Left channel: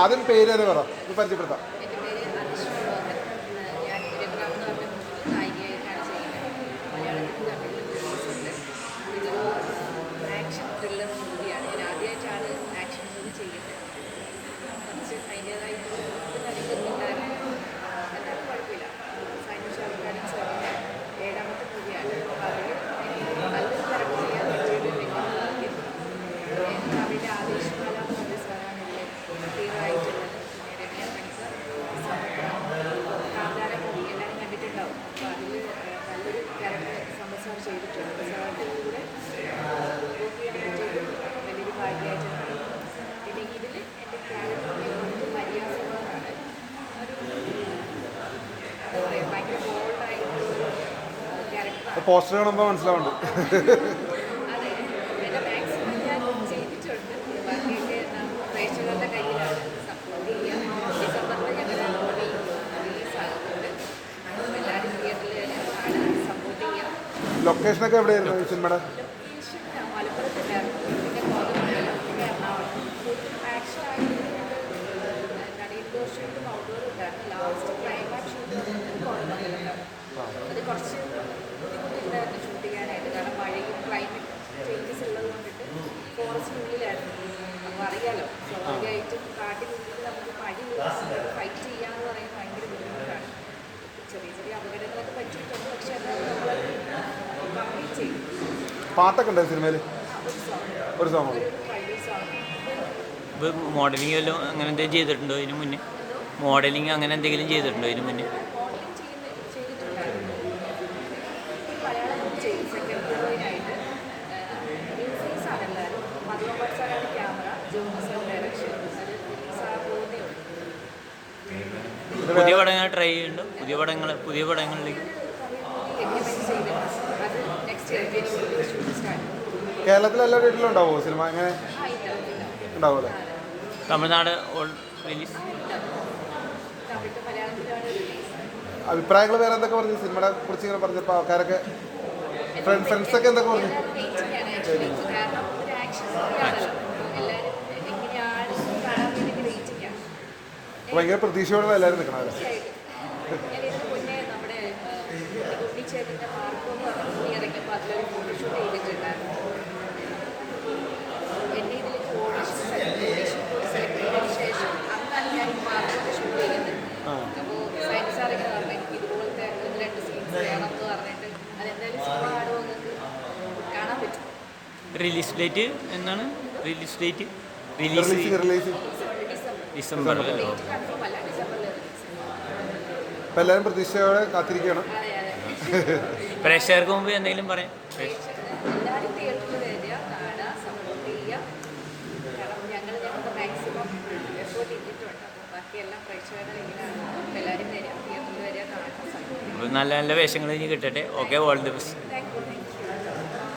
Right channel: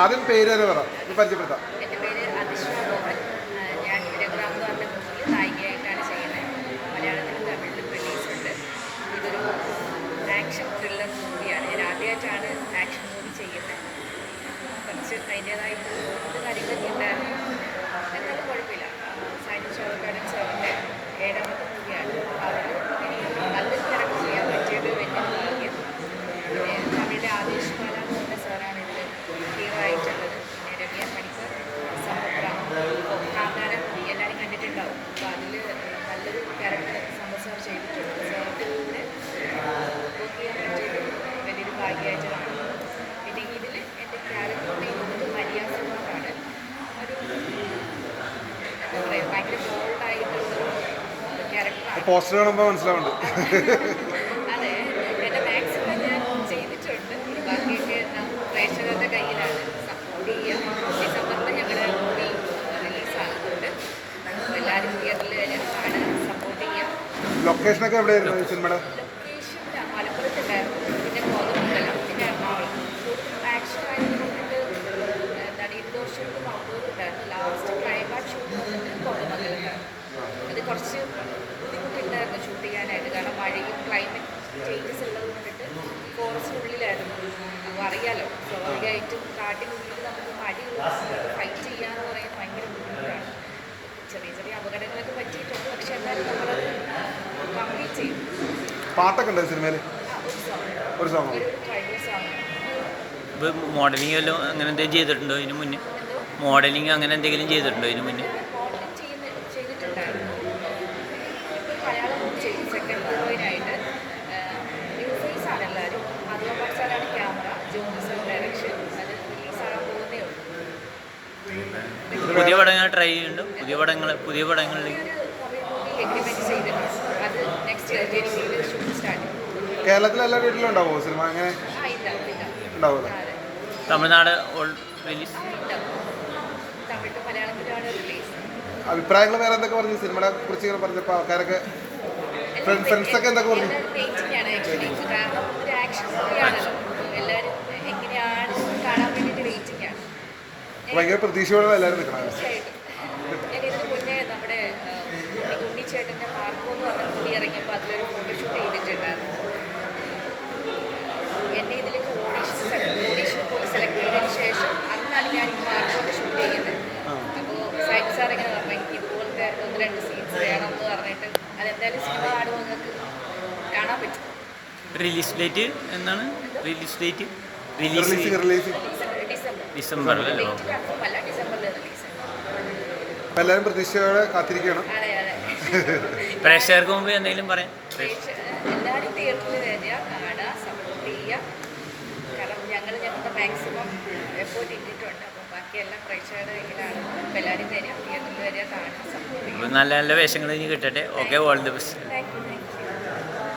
ആദ്യം പേര് പറ പരിചയപ്പെടുത്താം. ആക്ഷൻ ത്രില്ലർ മൂവിയാണ്. ഞാൻ ആക്ഷൻ മൂവി ചെയ്യുന്നത്. കുറച്ച് അതിന്റേതായിട്ട് ഇതിൽ എന്റെ ക്യാരക്ടർ മര്യാദ കൊണ്ടാണ് ഒരു എന്താ പറയുക ഭയങ്കര ബോൾഡായിട്ടുള്ളൊരു ക്യാരക്ടറാണ് പോസ്റ്റർ കാണുമ്പോൾ മനസ്സിലാവുന്നുണ്ട് അതെ. എന്റെ മാക്സിമം ഞാൻ ചെയ്തിട്ടുണ്ട്. ബാക്കിയൊക്കെ നാം പ്രേക്ഷകരുടെ കയ്യിലാണ് സപ്പോർട്ട് ചെയ്യാം ഡിസംബറിൽ ഞങ്ങളുടെ മൂവി റിലീസാകുന്നുണ്ട് എല്ലാവരും തിയേറ്ററിൽ വരാം കാണാൻ സപ്പോർട്ട് ചെയ്യാം ലൊക്കേഷനൊക്കെ എവിടെയായിരുന്നു സിനിമയുടെ ലൊക്കേഷൻ മലപ്പുറത്തുണ്ടായിരുന്നു ഉണ്ടായിരുന്നു ലാസ്റ്റ് ക്ലൈമാക്സ് ഷൂട്ട് വന്നിട്ട് അത് കുറച്ച് ബുദ്ധിമുട്ടുണ്ടായിരുന്നു ഷൂട്ട് ചെയ്യാനായിട്ട്. കാരണം മഴയും ക്ലൈമറ്റ് ചേഞ്ചസ് ഉള്ളത് കൊണ്ടിട്ട് ഫോറസ്റ്റിനുള്ളിലായിരുന്നു അപ്പോൾ അറിയാലോ സ്വാഭാവികമായിട്ടും കാട്ടിനുള്ളിൽ നമുക്ക് മഴ ഫൈറ്റ് ചെയ്യാന്ന് പറയുന്നത് ഭയങ്കര ബുദ്ധിമുട്ടാണ്. ചെറിയ ചെറിയ അപകടങ്ങളൊക്കെ പറ്റിയിട്ടുണ്ട്. പക്ഷെ എന്തായാലും നമ്മളത് കംപ്ലീറ്റ് ചെയ്യും പാട്ടൊക്കെ ഉണ്ടോ സിനിമയിൽ ഒരു സോങ് ഒരു സോങ് ഒരു ട്രൈബൽ സോങ് മോഡലിംഗ് വല്ലതും അങ്ങനെ എന്തെങ്കിലും ചെയ്തിട്ടുണ്ടോ ഇതിനു മുന്നേ? മോഡലിംഗ് അങ്ങനെ എന്തെങ്കിലും ചെയ്തിട്ടുണ്ടോ ഇതിനു മുന്നേ? പുതിയ പടങ്ങൾ ട്രൈ ചെയ്യുന്നുണ്ട്? പുതിയ പടങ്ങൾ പുതിയ പടങ്ങളിലേക്ക്? എല്ലാ വീട്ടിലും ഉണ്ടാവുമോ സിനിമ? അങ്ങനെ തമിഴ്നാട് ഓൾ റിലീസ് അഭിപ്രായങ്ങൾ വേറെ എന്തൊക്കെ പറഞ്ഞു? സിനിമയെ കുറിച്ച് ഇങ്ങനെ പറഞ്ഞപ്പോൾ ആൾക്കാരൊക്കെ friends ഒക്കെ എന്തൊക്കെ പറഞ്ഞു? ഭയങ്കര പ്രതീക്ഷയോടെ എല്ലാവരും നിൽക്കണം അതെന്തായാലും സിനിമ കാണുമ്പോൾ നിങ്ങൾക്ക് കാണാൻ പറ്റും. റിലീസ് ഡേറ്റ് എന്നാണ് release date release December confirm അല്ല? ഡിസംബറിൽ റിലീസ് എല്ലാവരും പ്രതീക്ഷയോടെ കാത്തിരിക്കുകയാണ്. അതെ അതെ. പ്രേക്ഷകർക്ക് മുമ്പ് എന്തെങ്കിലും പറയാം? എല്ലാവരും തിയേറ്ററിൽ വരിക കാണുക സപ്പോർട്ട് ചെയ്യുക. കാരണം ഞങ്ങൾ ഞങ്ങൾക്ക് മാക്സിമം എഫേർട്ട് ഇട്ടിട്ടുണ്ട്. അപ്പോൾ ബാക്കിയെല്ലാം പ്രേക്ഷകരുടെ കയ്യിലാണ്. എല്ലാവരും വരിക. നല്ല നല്ല വേഷങ്ങൾ ഇനി കിട്ടട്ടെ. Okay all the best.